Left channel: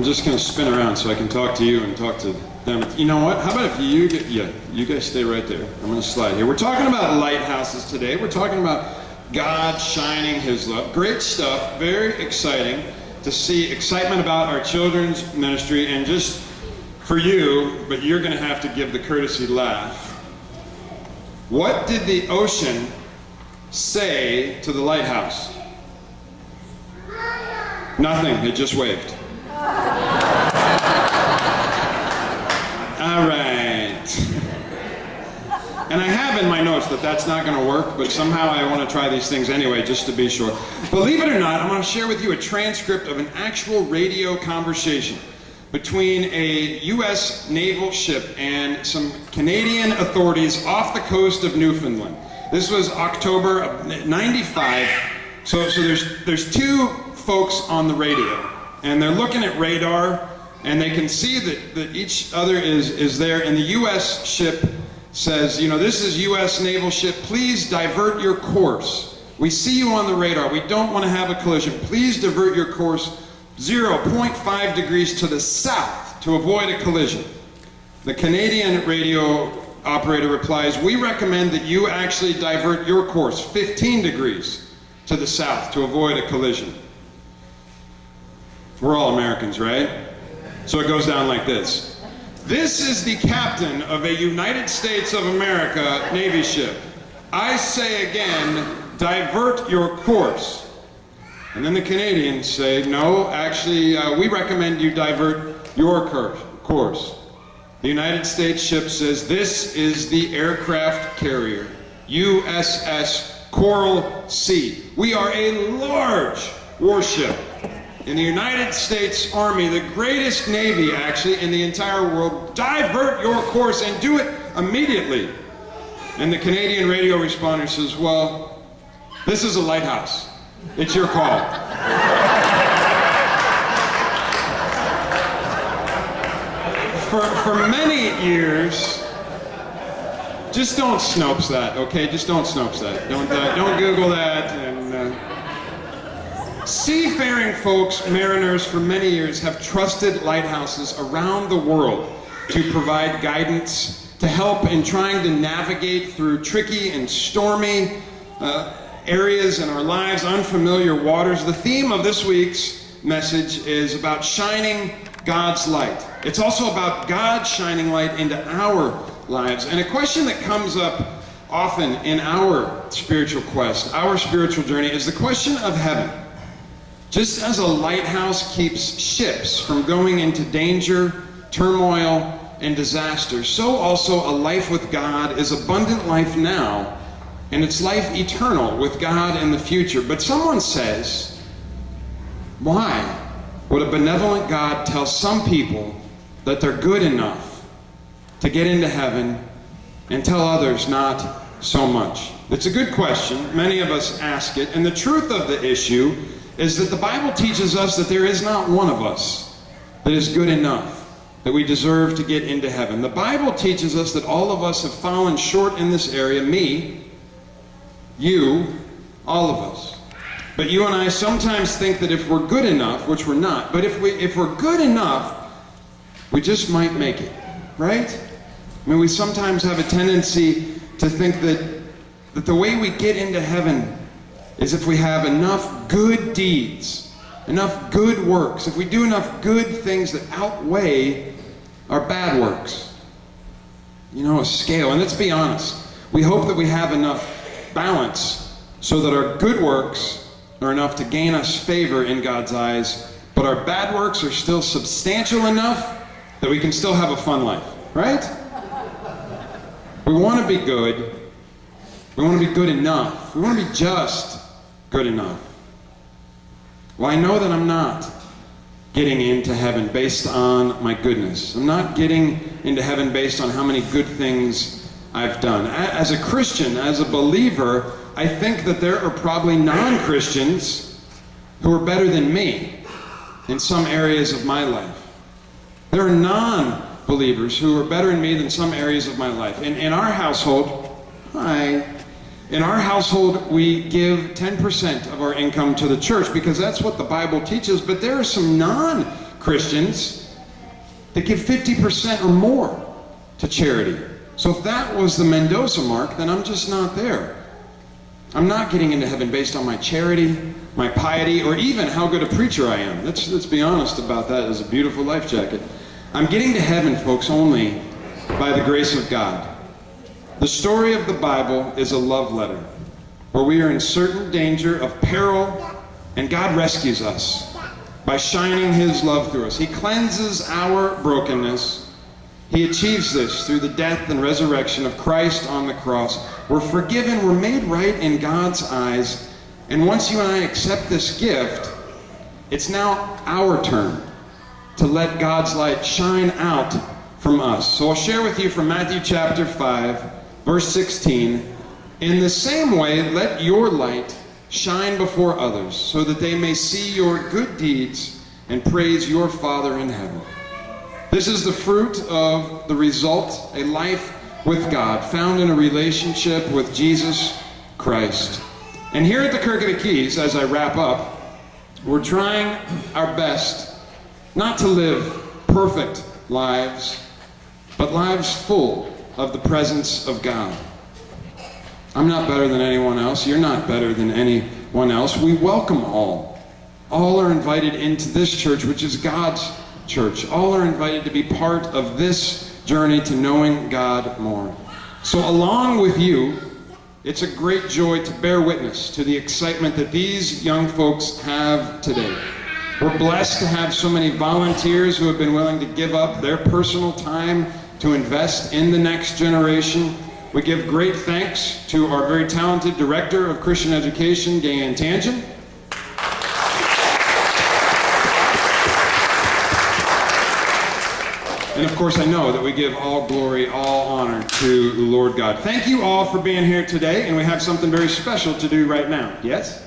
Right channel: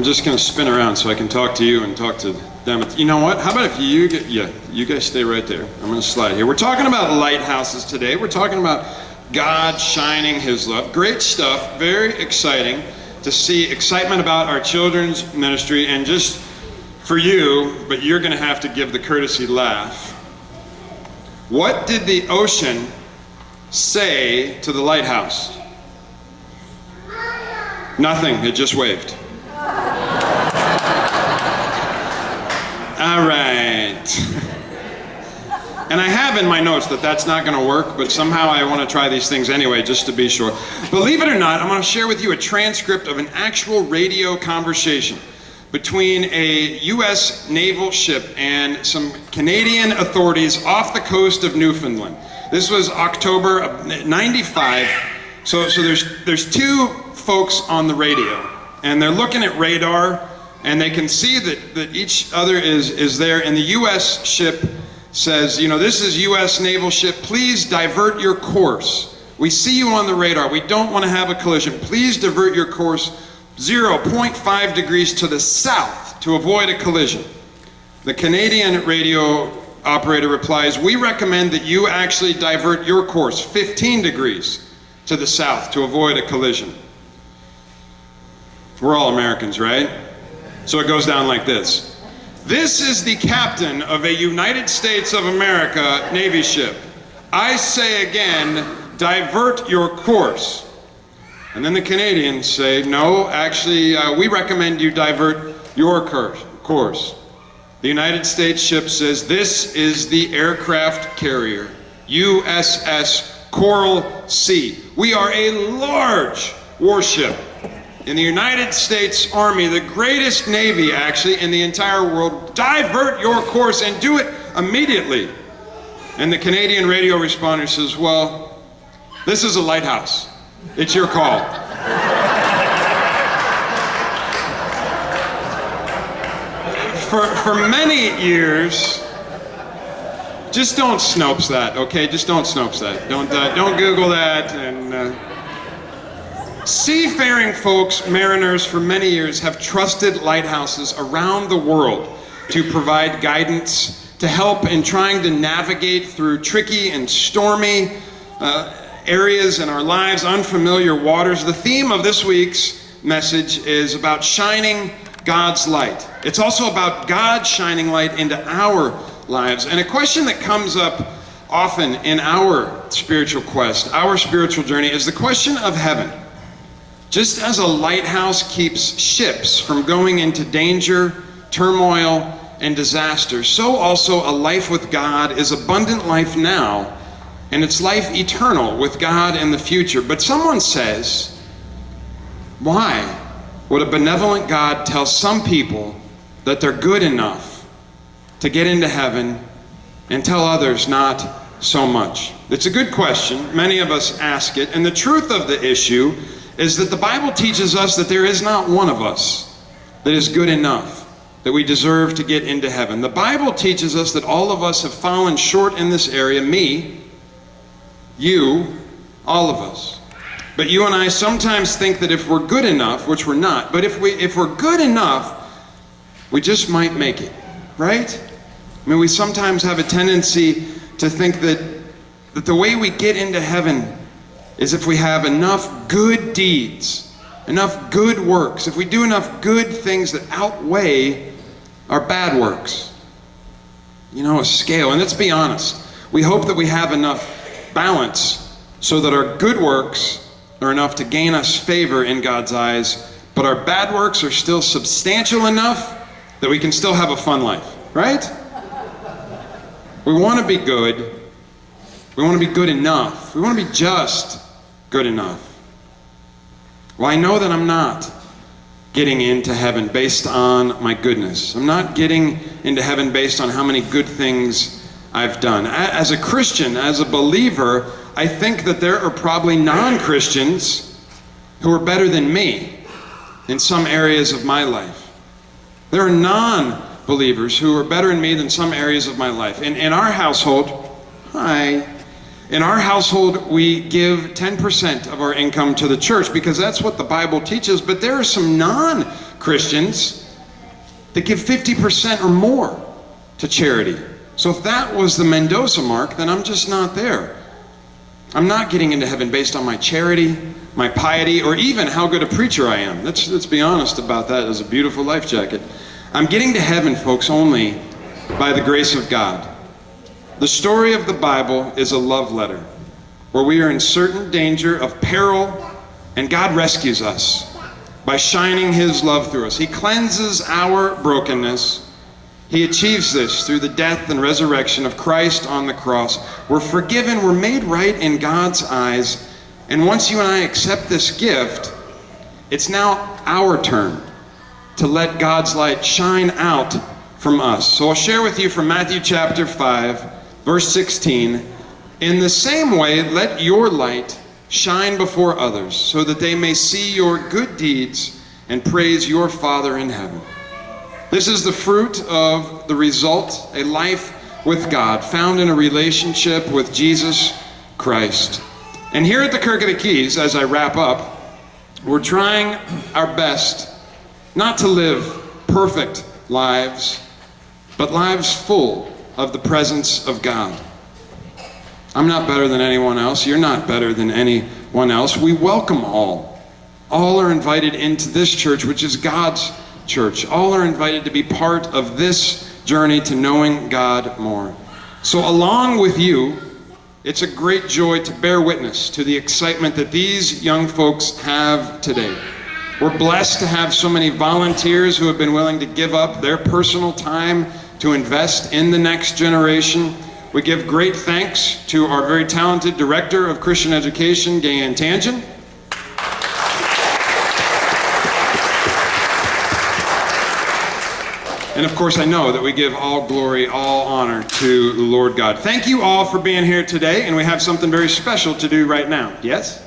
I'm just going to spin around so I can talk to you and talk to them. You know what? How about if you guys stay right there. I'm going to slide here. We're talking about lighthouses today. We're talking about God shining his love. Great stuff. Very exciting to see excitement about our children's ministry. And just for you, but you're going to have to give the courtesy laugh. What did the ocean say to the lighthouse? Nothing. It just waved. All right. And I have in my notes that that's not going to work, but somehow I want to try these things anyway, just to be sure. Believe it or not, I'm going to share with you a transcript of an actual radio conversation between a U.S. naval ship and some Canadian authorities off the coast of Newfoundland. This was October of '95. So there's two folks on the radio, and they're looking at radar, and they can see that each other is there, and the U.S. ship says, you know, this is U.S. naval ship, please divert your course. We see you on the radar. We don't want to have a collision. Please divert your course 0.5 degrees to the south to avoid a collision. The Canadian radio operator replies, we recommend that you actually divert your course 15 degrees to the south to avoid a collision. We're all Americans, right? So it goes down like this. This is the captain of a United States of America Navy ship. I say again, divert your course. And then the Canadians say, no, actually, we recommend you divert your course. The United States ship says, this is the aircraft carrier, USS Coral Sea. We are a large warship in the United States Army, the greatest Navy, actually, in the entire world. Divert your course and do it immediately. And the Canadian radio responder says, well, this is a lighthouse. It's your call. For many years, just don't Snopes that, okay? Just don't Snopes that. Don't Google that. And seafaring folks, mariners, for many years have trusted lighthouses around the world to provide guidance, to help in trying to navigate through tricky and stormy areas in our lives, unfamiliar waters. The theme of this week's message is about shining God's light. It's also about God shining light into our lives. And a question that comes up often in our spiritual quest, our spiritual journey, is the question of heaven. Just as a lighthouse keeps ships from going into danger, turmoil, and disaster, so also a life with God is abundant life now, and it's life eternal with God in the future. But someone says, why would a benevolent God tell some people that they're good enough to get into heaven and tell others not so much? It's a good question. Many of us ask it. And the truth of the issue is that the Bible teaches us that there is not one of us that is good enough, that we deserve to get into heaven. The Bible teaches us that all of us have fallen short in this area. Me, you, all of us. But you and I sometimes think that if we're good enough, which we're not, but if we're good enough, we just might make it, right? I mean, we sometimes have a tendency to think that the way we get into heaven is if we have enough good deeds, enough good works, if we do enough good things that outweigh our bad works. You know, a scale. And let's be honest, we hope that we have enough balance so that our good works are enough to gain us favor in God's eyes, but our bad works are still substantial enough that we can still have a fun life, right? We want to be good. We want to be good enough. We want to be just good enough. Well, I know that I'm not getting into heaven based on my goodness. I'm not getting into heaven based on how many good things I've done. As a Christian, as a believer, I think that there are probably non-Christians who are better than me in some areas of my life. There are non-believers who are better than me in some areas of my life. In our household, in our household, we give 10% of our income to the church because that's what the Bible teaches, but there are some non-believers Christians that give 50% or more to charity. So if that was the Mendoza mark, then I'm just not there. I'm not getting into heaven based on my charity, my piety, or even how good a preacher I am. Let's be honest about that as a beautiful life jacket. I'm getting to heaven, folks, only by the grace of God. The story of the Bible is a love letter where we are in certain danger of peril, and God rescues us by shining His love through us. He cleanses our brokenness. He achieves this through the death and resurrection of Christ on the cross. We're forgiven, we're made right in God's eyes, and once you and I accept this gift, it's now our turn to let God's light shine out from us. So I'll share with you from Matthew chapter 5, verse 16. In the same way, let your light shine before others, so that they may see your good deeds and praise your Father in heaven. This is the fruit of the result, a life with God, found in a relationship with Jesus Christ. And here at the Kirk of the Keys, as I wrap up, we're trying our best not to live perfect lives, but lives full of the presence of God. I'm not better than anyone else. You're not better than anyone else. We welcome all. All are invited into this church, which is God's church. All are invited to be part of this journey to knowing God more. So along with you, it's a great joy to bear witness to the excitement that these young folks have today. We're blessed to have so many volunteers who have been willing to give up their personal time to invest in the next generation. We give great thanks to our very talented Director of Christian Education, Gayan Tangen. And of course, I know that we give all glory, all honor to the Lord God. Thank you all for being here today, and we have something very special to do right now. Yes?